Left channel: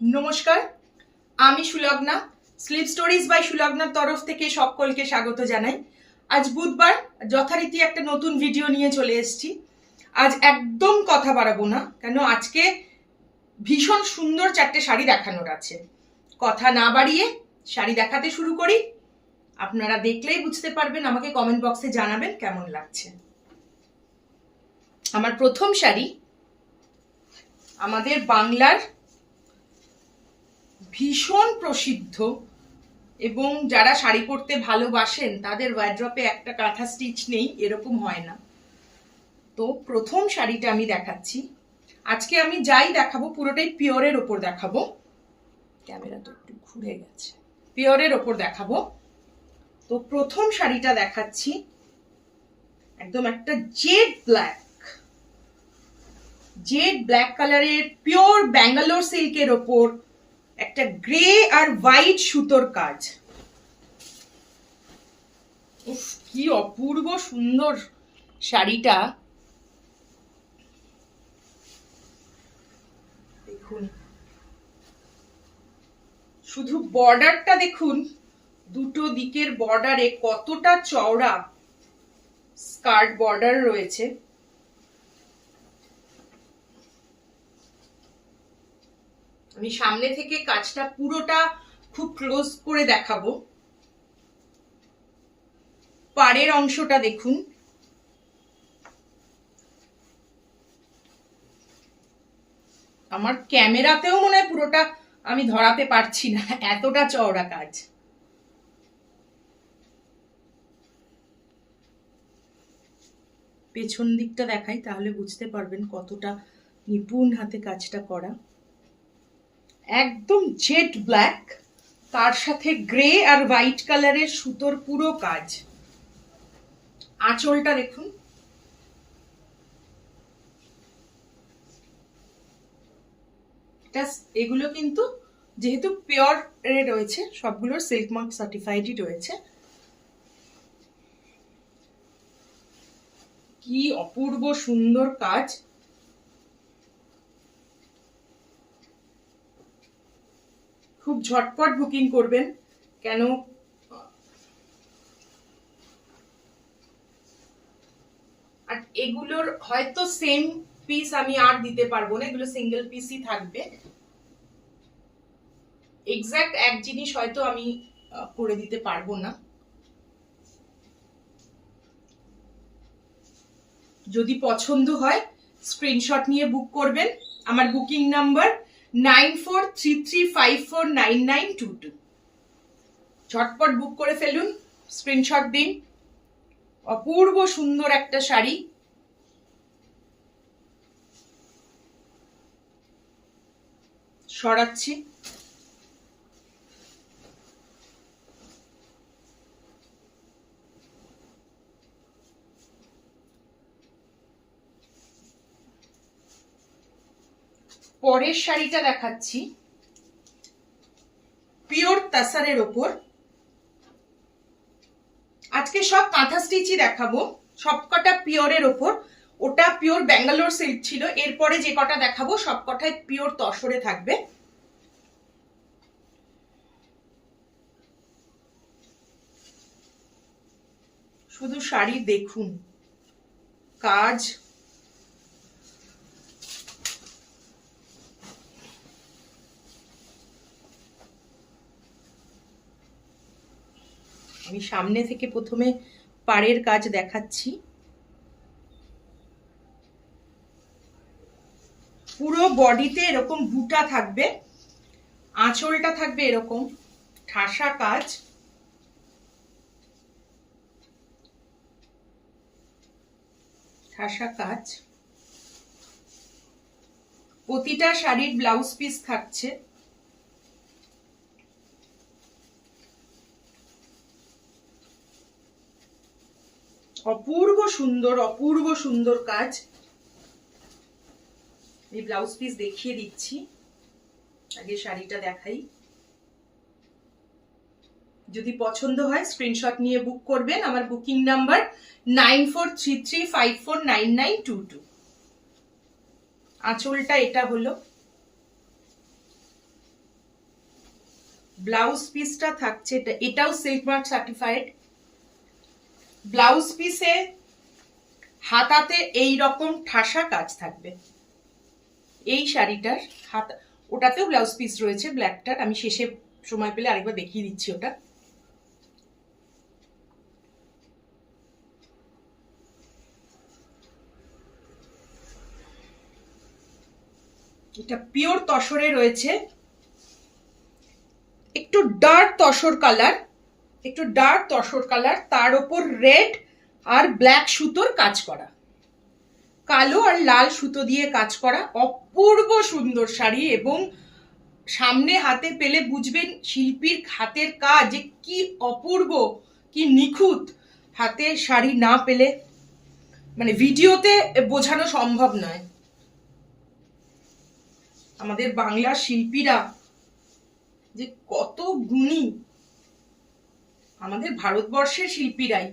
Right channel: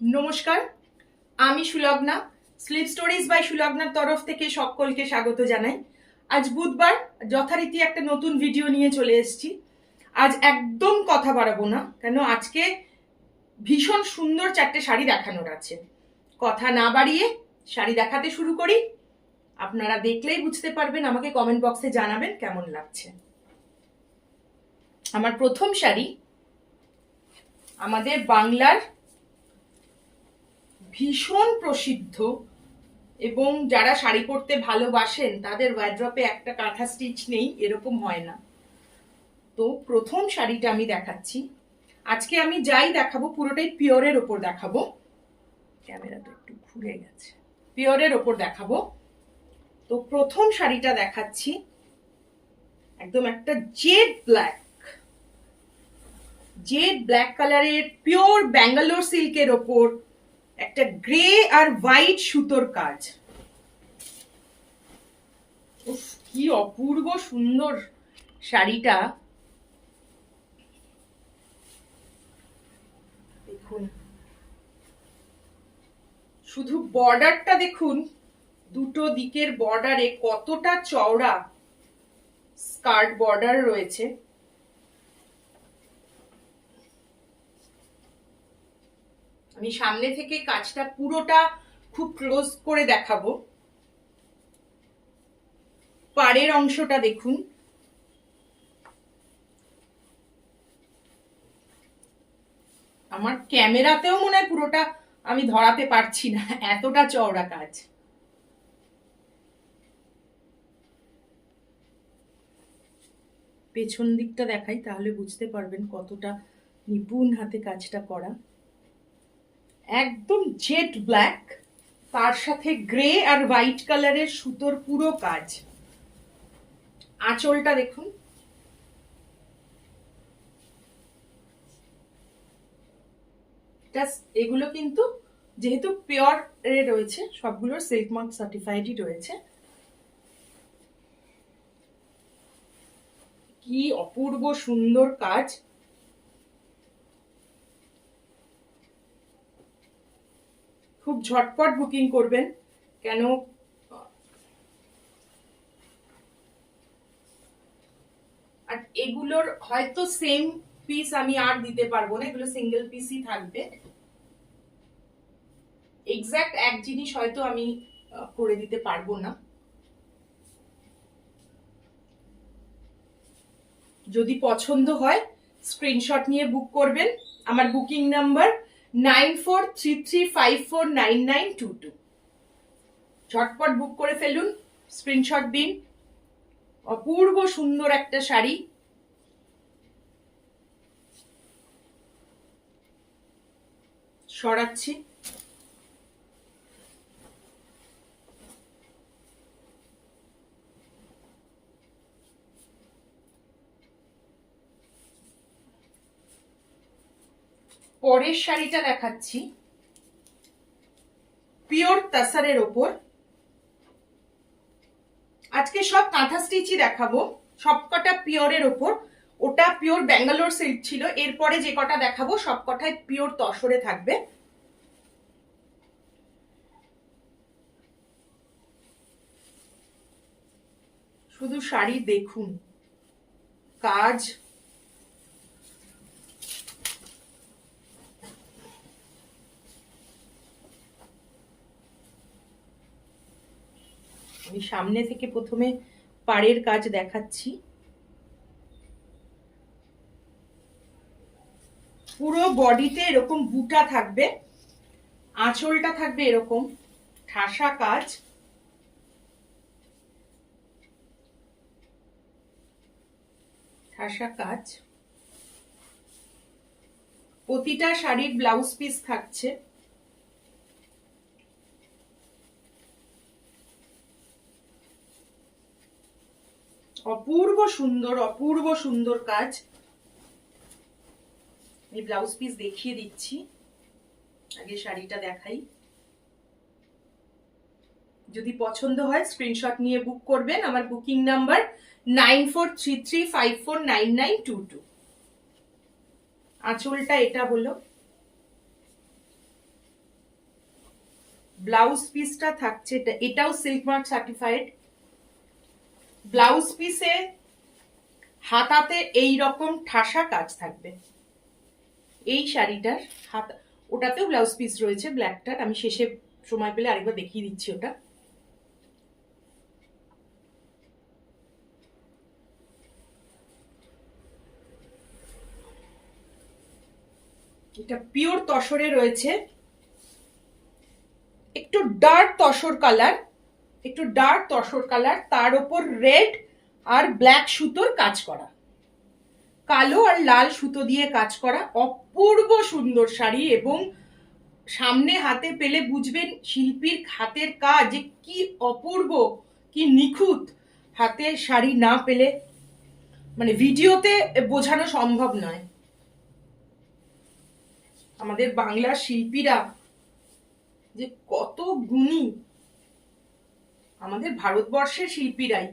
নমস্কার, আমি Sulagna. Slip stories by সুলগ্নার তরফ থেকে সকলকে স্বাগত জানাই। আজ বুধবার, যথারীতি একটা নতুন ভিডিও নিয়ে চলে এসেছি। আজ একদম কথা বাড়াবো না, কেন আজকে ভীষণ সুন্দর চারটে শাড়ি দেখানোর আছে। কথা না বাড়িয়ে শাড়ি দেখাতে শুরু করি। আপনারা দেখলেই বুঝতে পারবেন, আমাকে কমেন্ট বক্সে জানাবেন কেমন লাগছে। আমার প্রথম শাড়ি আমাদের বাংলার ভীষণ প্রসিদ্ধ, এবং যারা শাড়ি পরতে ভালোবাসেন তাদের ওয়ার্ড্রপে একটা কাঁথা স্টিচ নেই এরকম হয় না। তো প্রথম শাড়িটা আমি দেখাচ্ছি। আজকে আমি যাই দেখাবো পুরোটাই পিওরের ওপর দেখাবো। ক্যামেরাটা একটু ঘুরে গেছে। পিওরের ওপর দেখাবো। তো প্রথম শাড়িটা দেখাচ্ছি একদম একটা জেড ব্ল্যাক কালারের পিওর ব্যাঙ্গালোর সিল্কের ওপর একটা গ্রে আর হোয়াইট সুতোর কাজ। উফ, কি অপূর্ব সুন্দর শাড়িটা। দেখুন, শুধু বর্ডারটা দেখুন, দুটো দিকের বর্ডারে কতটা চওড়া স্কার্ট বর্ডার রয়েছে। আমি সামনে থেকে কাজটা পুরোটা খুব ক্লোজ করে দেখাবো। পাড়ের অংশটা দেখুন, আমার ক্যামেরাতেও মনে হয় পুরোটা আমি ধরাতে পারছি না, এতটা চওড়া কাজ। পেছন দিকটা দেখাই, তাহলে বুঝতে পারবেন কতটা নিপুণ হাতে কাজটা করা। একদম জেড ব্ল্যাক, তার সাথে গ্রে আর হোয়াইট কালারের সুতোর পুরো কাজ। আঁচলটা দেখুন, এগুলো কিন্তু যেহেতু পিওর এ রয়েছে, সবগুলোর সিল্ক মার্ক সার্টিফাইডই রয়েছে। কি অপূর্ব সুন্দর কাজ। খুব ঝটপট বুকিং করবেন, কেন আর এগুলোর হয়তো সেম পিস আমি আর দিতে পারবো না, এগুলো সিঙ্গেল পিসই থাকবে। এক্স্যাক্ট এক জিনিস হয়তো আমি করে দিতে পারবো না। যদি পছন্দ হয় স্ক্রিনশট নিয়ে বুক করবেন। আমার বুকিং নাম্বার 9433549922। ঝটপট বুক করে ফেলুন, স্ক্রিনশট দিন। অপূর্ব সুন্দর একটা শাড়ি। সরাচ্ছি। পরের শাড়িটা দেখাচ্ছি পিওর তাসারের ওপর। আজকে সব কাঁথা স্টিচই দেখাবো, সবকটা পিওরের ওপর। ওটা পিওর ব্যাঙ্গালোর সিল্ক ছিল, এরপরে যে কটা দেখাবো সবকটাই পিওর তসরে থাকবে। শুধু শাড়ি দেখুন, কাজ। আমি সামনে থেকে প্রথমে পাড়ের কাজ দেখাচ্ছি। পুরো বডিতে এরকম বুটা থাকবে, আঁচলটা থাকবে এরকম ঠাসা কাজ। প্রতিটা শাড়ির ব্লাউজ পিস থাকছে। অপূর্ব সুন্দর কাজ। এই ব্লাউজ পিস দেখিয়ে দিচ্ছি, আগে শাড়িটা দেখাই। যদি পছন্দ হয় স্ক্রিনশট নিয়ে বুক করবেন। আমার বুকিং নাম্বার 9433549922। আঁচলটা এটা হলো, ব্লাউজ পিসটা থাকছে এটাও সিল্ক মার্ক সার্টিফাইড। ব্লাউজ পিসে হাতাতে এই রকম ঠাসা কাজ থাকবে। এই শাড়িটার হাতা, ওটাতেও ব্লাউজ পিস রয়েছে ব্ল্যাকটার, আমি শেষে সময় পেলে আরেকবার দেখিয়ে দিচ্ছি ওটা। এটা পিওর তসরে রয়েছে, একটু ডার্ক তসর কালার, একটু ডার্ক তসর কালার, তার উপর রেড আর ব্ল্যাক সুতোর কাজ করা, কালো আর লাল সুতো দিয়ে কাজ করা, অপূর্ব সুন্দর শাড়ি। এবং সামনে হাতে পেলে বুঝবেন শিল্পীর হাতের কাজ যে কি অপূর্ব, কি নিখুঁত। হাতের শাড়ি না পেলে মানে ভিডিওতে বোঝানো সম্ভব নয়। আমাদের বাংলার শিল্পীরা যে কত গুণী, আমাদের ভারতবর্ষের শিল্পীরাই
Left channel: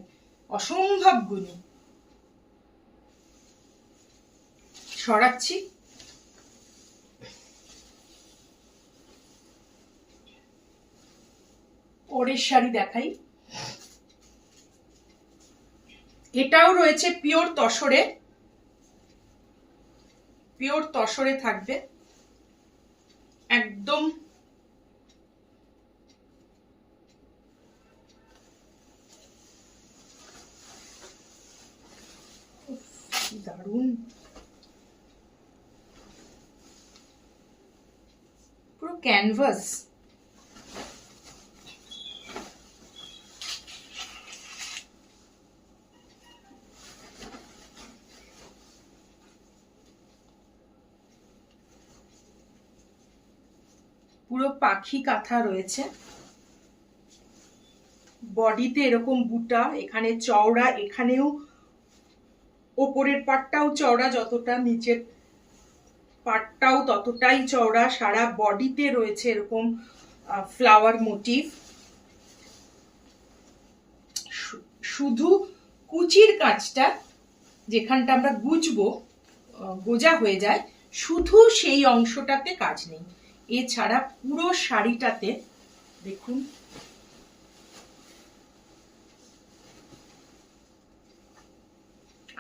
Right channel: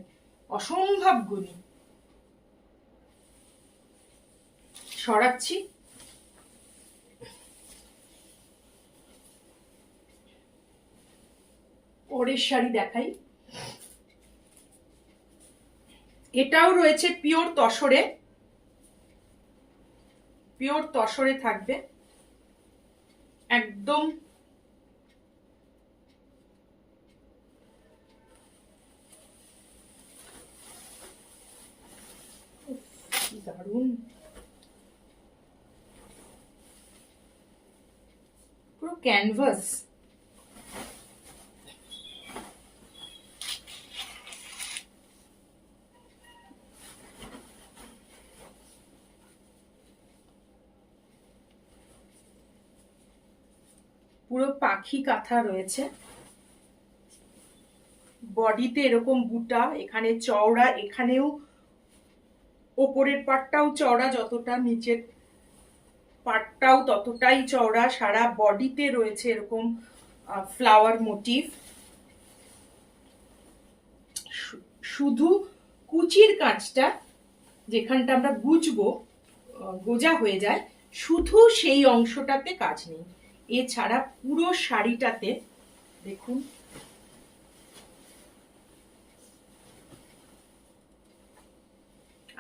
অসম্ভব গুণী। সরাচ্ছি। পরের শাড়ি দেখাই। এটাও রয়েছে পিওর তসরে, পিওর তসরে থাকবে একদম। দারুণ, পুরো ক্যানভাস। পুরো পাখি কাঁথা রয়েছে, বডিতে এরকম বুটা, এখানে চওড়া, এখানেও ওপরের পাটটাও চওড়া যতটা, নিচের পাটটাও ততটাই চওড়া। সারা বডিতে রয়েছে এরকম ফ্লাওয়ার মোটিভ। শুধু কুচির কাজটা যেখানটা আমরা গুজবো, গোজা হয়ে যায়, শুধু সেই অংশটাতে কাজ নেই। এছাড়া পুরো শাড়িটাতে দেখুন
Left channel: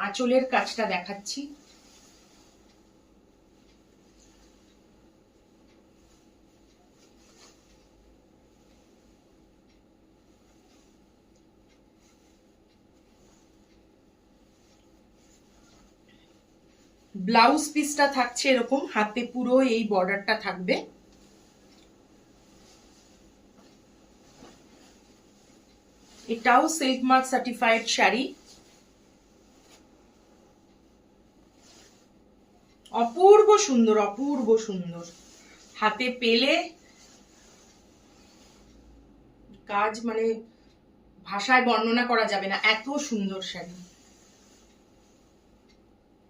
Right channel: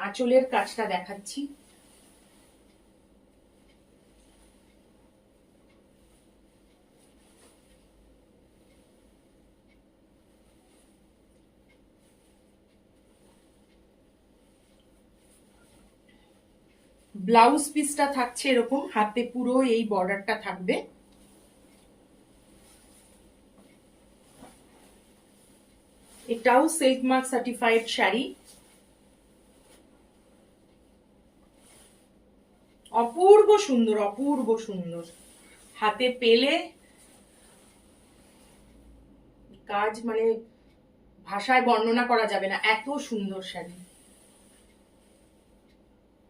আঁচলের কাজটা দেখাচ্ছি। ব্লাউজ পিসটা থাকছে এরকম, হাতে পুরো এই বর্ডারটা থাকবে। এটাও সিল্ক মার্ক সার্টিফাইড শাড়ি, অপূর্ব সুন্দর, অপূর্ব সুন্দর। হাতে পেলে কাজ মানে ভাষায় বর্ণনা করা যাবে না, এত সুন্দর শাড়ি।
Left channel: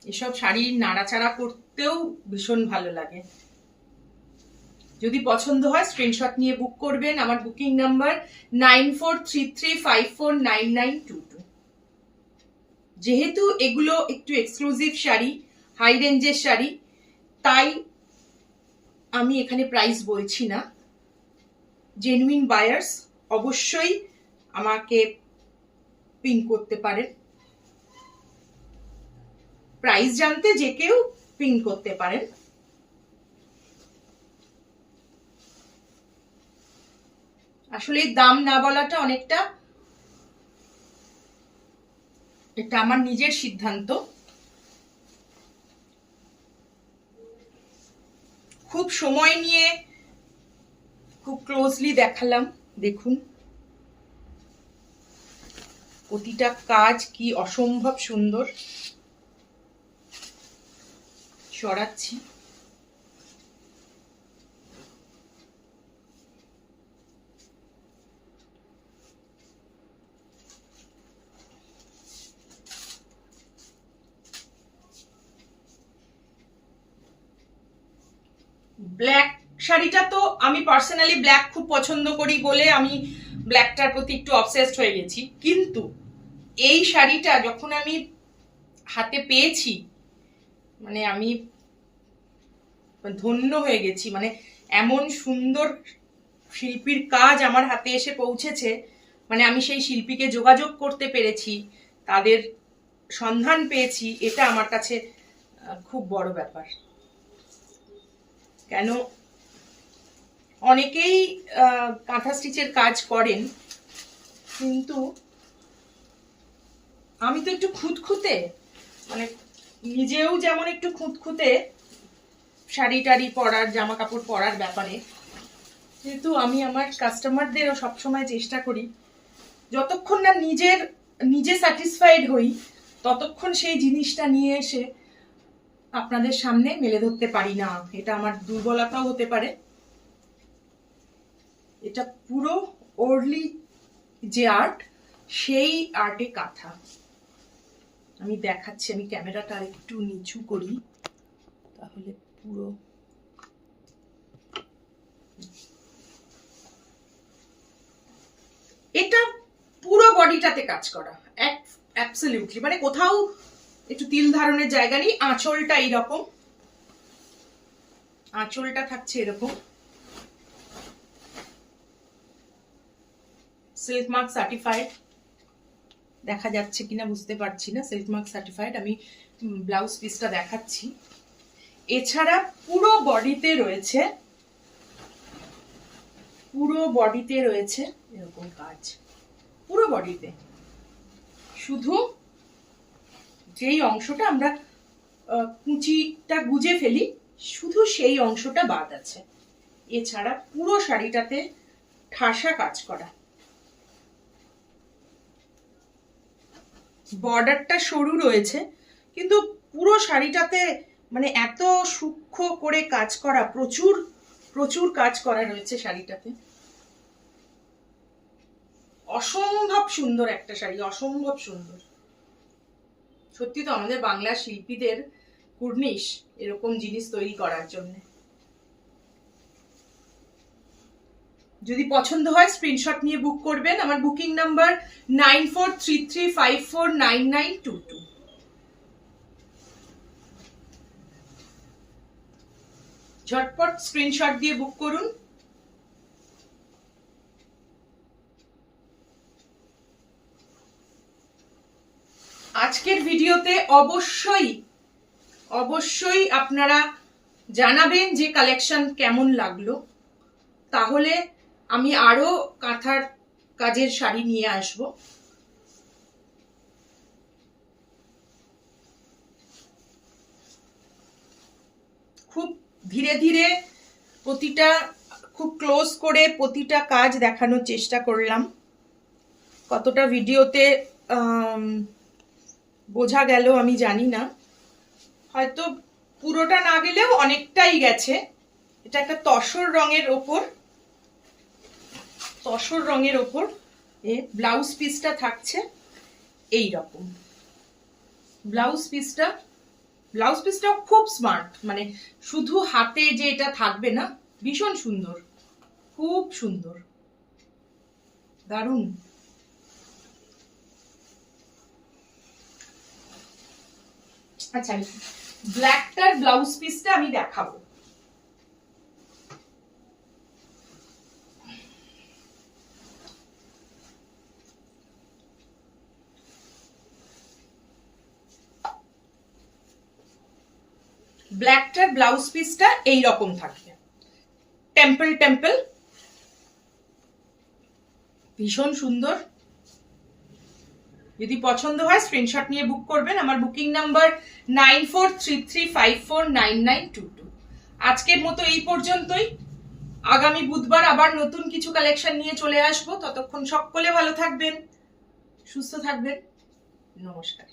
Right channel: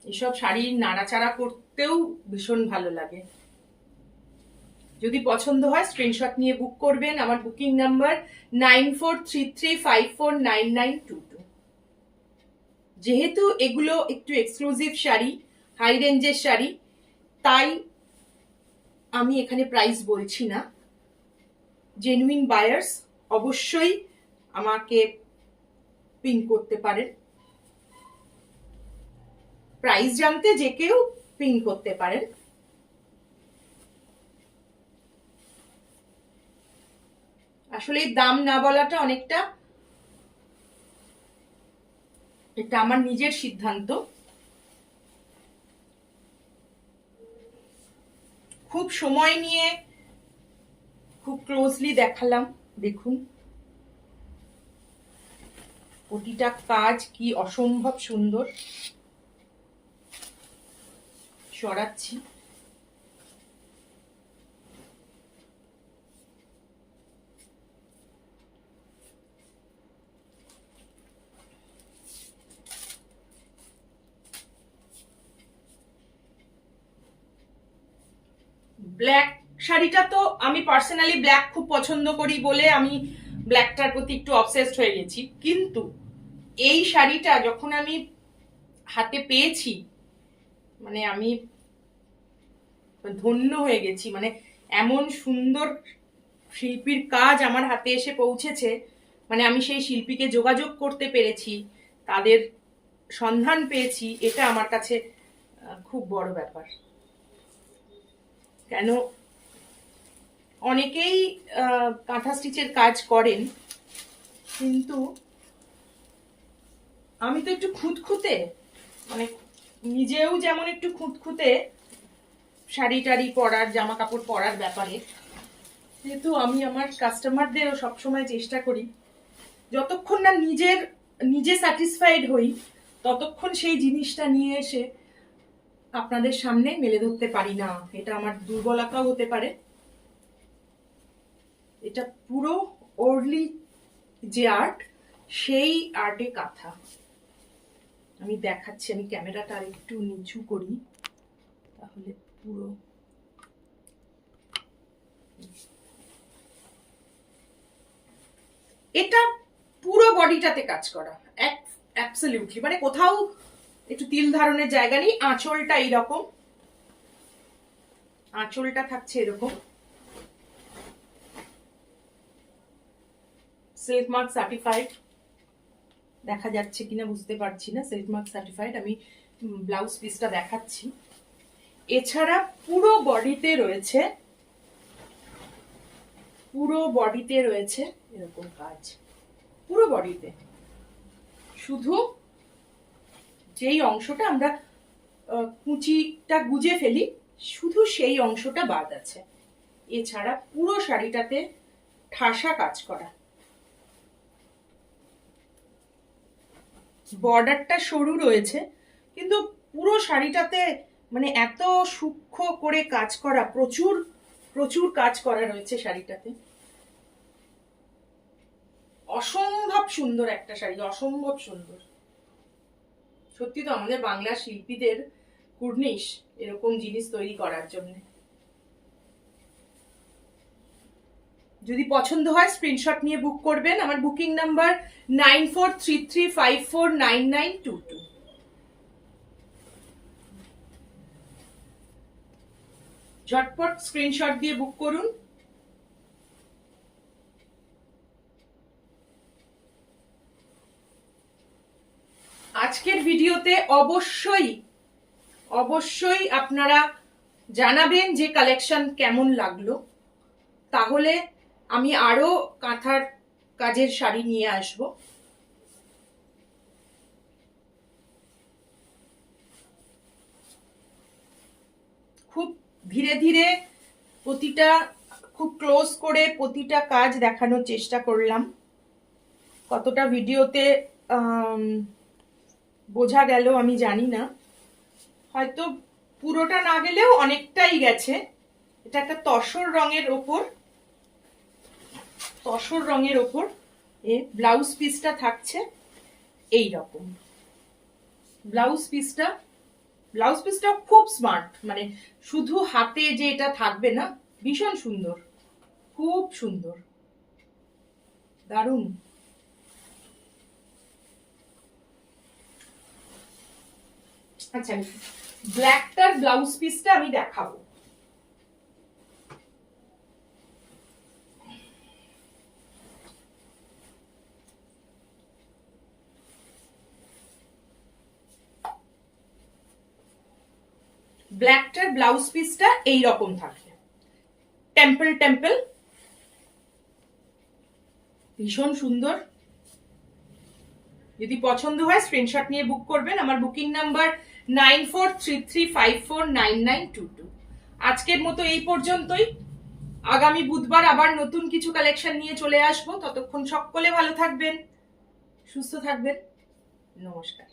এসব শাড়ি নাড়াচাড়া করতেও ভীষণ ভালো লাগে। যদি পছন্দ হয় স্ক্রিনশট নিয়ে বুক করবেন। আমার বুকিং নাম্বার 9433549922। যেহেতু এগুলো একটু এক্সক্লুসিভ শাড়ি, হাই রেঞ্জের শাড়ি, তাই আমি এখানে প্রাইস বলছি না। জেনুইন বায়ার্স অবশ্যই আমাকে পিন করতে পারেন, প্রাইস জানতে যে কেউ পিন করতে পারেন। আসলে দাম না বলাটা অনেকটা, এটা আমার নিজের সিদ্ধান্ত। খুব সময় নিয়ে খুব ক্লোজলি দেখালাম, দেখুন প্রতিটা কাজ কি অসম্ভব সুন্দর। সরাচ্ছি। ব্ল্যাক শাড়িটা তো আমি পার্সোনালি ব্ল্যাক খুব পছন্দ করি বলে আমি ব্ল্যাকটার প্রতি একটু অবসেসড হয়ে গেছি, কিন্তু এই শাড়িটা যখন আমি হাতে পেয়েছি মানে আমি ধন্য হয়ে গেছি। মানে এমন সুন্দর শিল্পীর কাজ আমার হাতে এসে পৌঁছেছে, মানে আমি সেই শিল্পীকে যোগাযোগ করতে পেরেছি, তাদের সন্ধান পেয়েছি, এটা আমার কাছে খুব বড় ব্যাপার। কেন অনেকেই কাঁথা স্টিচের কাজ করেন, কিন্তু আমি তো একটু খুঁতখুঁতে, মানে নিজেও যেমন একটু খুঁতখুঁতে শাড়ি টাড়ি পরার, জামা কাপড় পরার ব্যাপারে, কিন্তু আমি আমার কাস্টমারদেরও সবসময় চেষ্টা করি যতক্ষণ না নিজে স্যাটিসফাইড হই ততক্ষণ সেই জিনিসটা নিয়ে এসে আপনাদের সামনে মেলে ধরতে পারি না। এটা আমার দুর্বলতাও হতে পারে। এটা পুরো ওরলি যে আর্ট, সেই আর্টে কাঁথা আমি দেখাচ্ছি। আমি ক্যামেরাটা আর একটু নিচু করি, তাহলে পুরো এটা পুরো বডিটাতে কাজ করা, অ্যাবসলিউটলি, মানে কোথাও একটু তিল ধারণের জায়গা নেই। আঁচলটা এইরকম, আঁচলটা থাকছে এরকম, সিল্ক মার্ক সার্টিফাইড, দেখা যাচ্ছে কিনা বুঝতে পারছি না, সিল্ক মার্ক সার্টিফাইড। আমি ব্লাউজ পিসটা দেখাচ্ছি। এছাড়া পুরো বডিতে রয়েছে এরকম কাজ, পুরো বডিতে। শুধু যেই অংশটা আমরা কুচিটা গুজে ফেলি, শুধু সেই অংশটা বাদ আছে। এছাড়া পুরো শাড়িটাতে ঠাসা কাজ করা। বর্ডারটা সরু রয়েছে, কিন্তু পুরো শাড়িটাতে মানে এত সূক্ষ্ম করে কাজ করা, প্রচুর কাজ করা রয়েছে শাড়িটাতে। অসম্ভব সুন্দর একটা শাড়ি, অসম্ভব সুন্দর। সত্যি তো আমাদের বাংলা শিল্পীদের কুর্নিশ এরকম জিনিস তৈরি করার জন্য। যদি পছন্দ হয় স্ক্রিনশট নিয়ে বুক করবেন। আমার বুকিং নাম্বার 9433549922। ঝটপট স্ক্রিনশট দিয়ে বুক করুন। আজকের ভিডিওতে অবশ্যই আপনারা জানাবেন যে কালেকশন কেমন লাগলো, তাহলে আমি আরো কাঁথার কাজের শাড়ি নিয়ে আসব। খুব ধীরে ধীরে প্রতিটা, খুব ক্লোজ করে প্রতিটা কাজ দেখানোর চেষ্টা করলাম। কতটা ভিডিওতে বোঝা গেল আমি জানি না, হয়তো পুরোটা না গেলেও অনেকটাই গেছে। এটা একটা তসর রঙের ওপর ব্লাউজ পিসটা থাকছে এই রকম। ব্লাউজ পিসটা খুব স্মার্ট, মানে শুধু হাতে যে এটা থাকবে না, ভীষণ সুন্দর, খুব সুন্দর, দারুণ। আচ্ছা, ব্ল্যাকটার ব্লাউজ পিসটা আমি দেখাবো। ব্ল্যাকটার ব্লাউজ পিসটা এইরকম থাকবে, টেম্পল, ভীষণ সুন্দর। যদি পছন্দ হয় স্ক্রিনশট নিয়ে বুক করবেন। আমার বুকিং নাম্বার 9433549922। আজকের মতো এই পর্যন্তই। আগামী বুধবার আবার নতুন কিছু কালেকশন নিয়ে চলে আসবো। ততক্ষণ সকলে ভালো থাকবেন, সুস্থ থাকবেন। নমস্কার।